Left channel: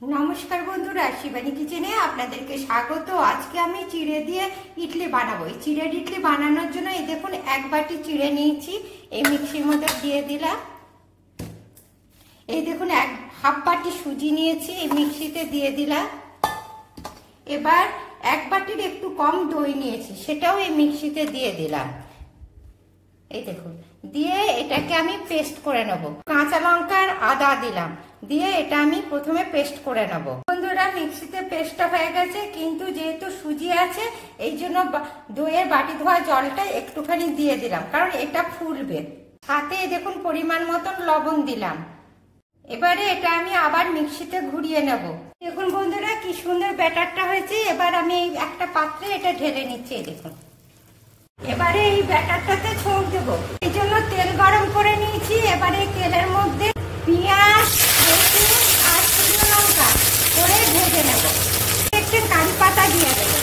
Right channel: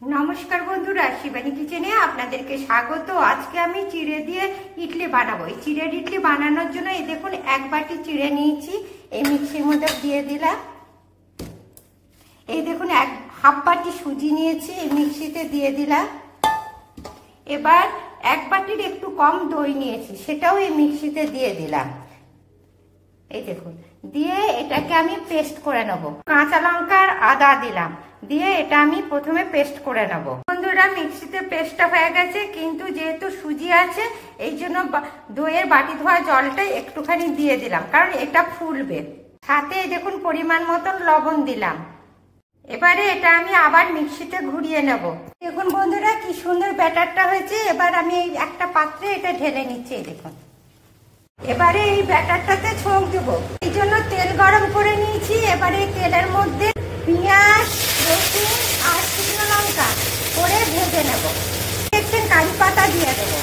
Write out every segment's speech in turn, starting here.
নমস্কার বন্ধুরা, শিবানী কিচেনে আপনাদেরকে স্বাগত। আজকে আমি চিড়ে দিয়ে ইডলি বানাবো। এই চিড়ের ইডলি বানানোর জন্য এই দেখুন এক বাটি চিড়ে নিয়েছি, এই মিক্সির মধ্যে দিয়ে দিলাম। এই দেখুন হাফ বাটি সুজি নিয়েছি, এই মিক্সিতে দিয়ে দিলাম। এবার এক বাটির একটু কম দই নিয়েছি, সেটাও এই মিক্সিতে দিয়ে দিলাম। এই দেখুন, দিয়ে এটাকে আমি পেস্ট করে নেব। কাঁচা লঙ্কা আর আদা দিলাম, দিয়ে এটা আমি প্রথমে পেস্ট করে নেব। বন্ধুরা, মিক্সিতে পেস্টটা হয়ে গেছে, কিন্তু যেহেতু সুজি আছে এই জন্য দইয়ের বাটি ধোয়া জলটা একটুখানি দিয়ে দিলাম, কারণ এটা ফুলবে। সাথে দেখুন পরিমাণ মতন লবণ দিলাম। এবারে এটা আমি আবার মিক্সিতে ঘুরিয়ে নেব। দেখুন বন্ধুরা, কি সুন্দর ব্যাটারটা হয়েছে। এবার আমি এই একটা পাত্রে এটা ঢেলে নিচ্ছি। দেখুন, এবারে এই ব্যাটারটাতে ছোঁক দেবো, এই জন্য তেল গরম করে নিয়েছি। এবারে তেলের মধ্যে পেঁয়াজ, রসুন আর শুকনো লঙ্কা করে ভেজে নেব। একটু কারি পাতা দিয়ে দেবো,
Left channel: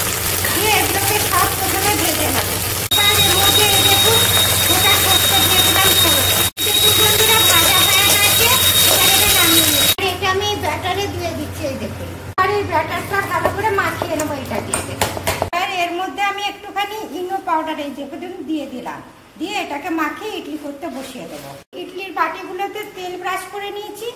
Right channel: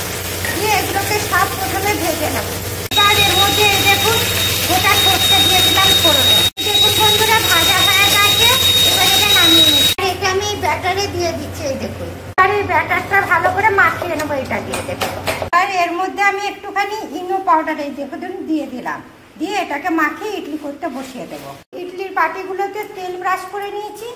দিয়ে এগুলোকে সব প্রথমে ভেজে নেব। এবার এর মধ্যে দেখুন গোটা সরষে দিয়ে দিলাম ফোড়নে। দেখুন বন্ধুরা, ভাজা হয়ে গেছে। এবার এটা নামিয়ে নিচ্ছি, এটা আমি ব্যাটারে দিয়ে দিচ্ছি। এই দেখুন, আর এই ব্যাটারটা ভালো করে মাখিয়ে নেবো এটা দিয়ে। দেখুন, আর এর মধ্যে আমি একটুখানি ইনো পাউডার এই দেখুন দিয়ে দিলাম, দিয়ে এটাকে মাখিয়ে ইডলি করতে বসিয়ে দেবো। ইডলির বাটিগুলোতে তেল ব্রাশ করে নিয়েছি।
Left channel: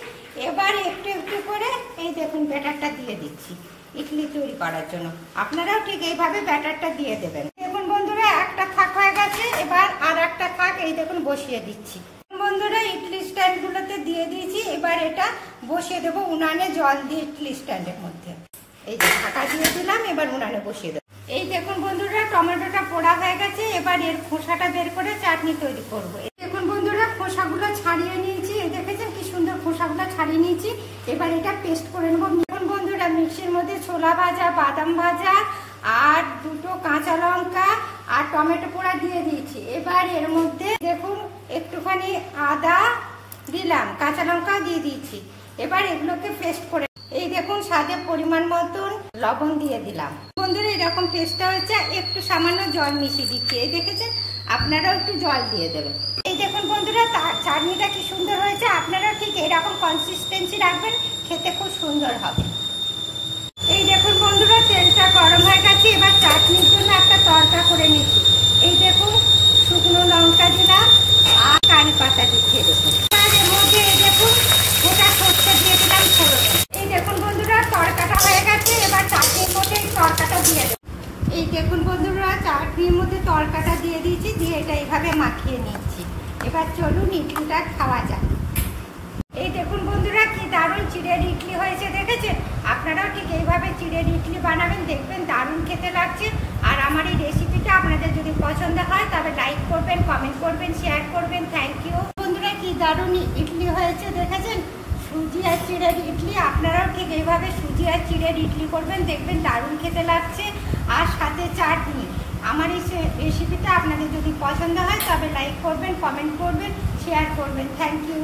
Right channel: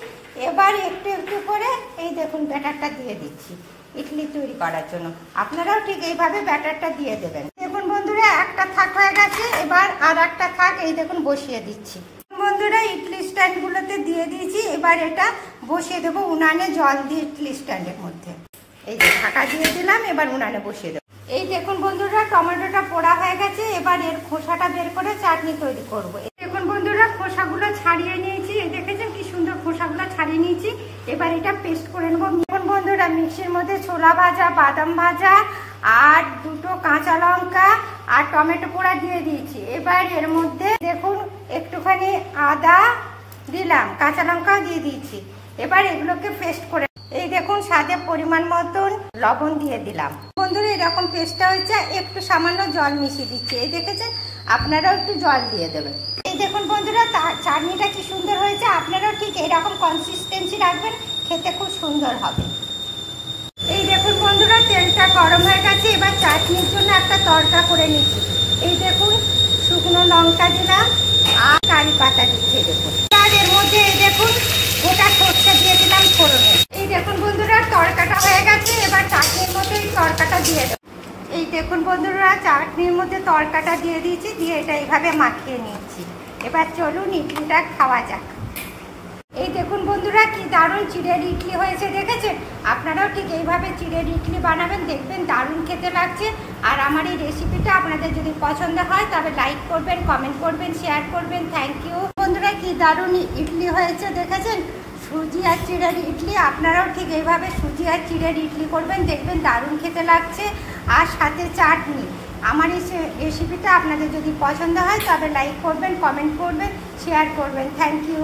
এবার একটু একটু করে এই দেখুন ব্যাটারটা দিয়ে দিচ্ছি ইডলি তৈরি করার জন্য। আপনারাও ঠিক এইভাবে ব্যাটারটা দিয়ে দেবেন। দেখুন বন্ধুরা, একটা থাক হয়ে গেছে, এবার আর একটা থাক এই দেখুন বসিয়ে দিচ্ছি। বন্ধুরা, ইডলি স্ট্যান্ডগুলোতে দিয়ে দিয়েছি। এবার এটা বসিয়ে দেবো উনানে জল দিয়ে ইডলি স্ট্যান্ডের মধ্যে। এই যে ঢাকা দিয়ে দিলাম, এবার উনানে বসিয়ে দেবো। এই দেখুন বন্ধুরা, টমেটোটা পোড়া হয়ে গেছে। এবার এর খোসাটা বের করে চাটনি তৈরি করব। দেখুন বন্ধুরা, খোসাগুলো ছাড়িয়ে নিয়েছি। দেখেছেন কি সুন্দর খোসাগুলো ছাড়িয়ে নিয়েছি। এবার এটা পেস্ট করে নেবো। দেখুন বন্ধুরা, মিক্সির মধ্যে ছোলা ভাজা, বাদাম ভাজা আর দুটো কাঁচা লঙ্কা আর টমেটো পোড়া দিয়ে দিয়েছি। এবার এর মধ্যে দেখুন একটুখানি আদা দিলাম, কাঁচা লঙ্কা দিয়ে দিয়েছি। এবার এগুলোকে পেস্ট করে এই দেখুন স্বাদে পরিমাণ মতন লবণ দিয়ে দিলাম। বন্ধুরা, এরকম পেস্টটা হয়েছে, একটু সামান্য জল মিশিয়ে দিচ্ছি। এই দেখেছেন, আপনারাও একটু জল দিয়ে দেবেন। এই দেখুন বন্ধুরা, চাটনিটা কি সুন্দর হয়েছে। আপনারাও ঠিক এইরকম কনসিস্টেন্সি রাখবেন, খেতে খুব সুন্দর হবে। এই দেখুন বন্ধুরা, তেলটা গরম হয়ে গেছে। এবার চাটনির জন্য একটা তড়কা করে নিচ্ছি। এই দেখুন শুকনো লঙ্কা দিলাম আর কারি পাতা দিচ্ছি। দেখুন, আর এর মধ্যে এই দেখুন গোটা সরষে দিয়ে দিলাম ফোড়নে। এই দেখুন বন্ধুরা, তড়কাটা হয়ে গেছে। এবার চাটনির মধ্যে এই তড়কাটা দিয়ে দেবো। এই দেখুন বন্ধুরা, চাটনির মধ্যে তড়কাটা দিয়ে দিয়েছি, দিয়ে এটা এইভাবে মাখিয়ে নিচ্ছি। এবার চলুন ইডলিটা খাওয়া যাক। এই দেখুন বন্ধুরা, কি দারুণ চিড়ের ইডলি হয়েছে। দেখেছেন, আপনারাও ঠিক এইভাবে চিড়ের ইডলি বানাবেন, দেখবেন দারুণ খেতে লাগছে। আর আমার এই রেসিপিটা আপনাদের যদি পছন্দ হয় তবে লাইক করবেন, কমেন্ট করবেন, শেয়ার করবেন। থ্যাংক ইউ বন্ধুরা, কি দারুণ ইডলি হয়েছে। দেখেছেন, সুজি আর চিড়ের ইডলি। আপনারাও ঠিক এইভাবে সুজি আর চিড়ের ইডলি করবেন, দেখবেন দারুণ খেতে লাগছে। আর সাথে চাটনি। আমার এই রেসিপিটা আপনাদের যদি পছন্দ হয় তবে লাইক করবেন, কমেন্ট করবেন, শেয়ার করবেন। Thank you.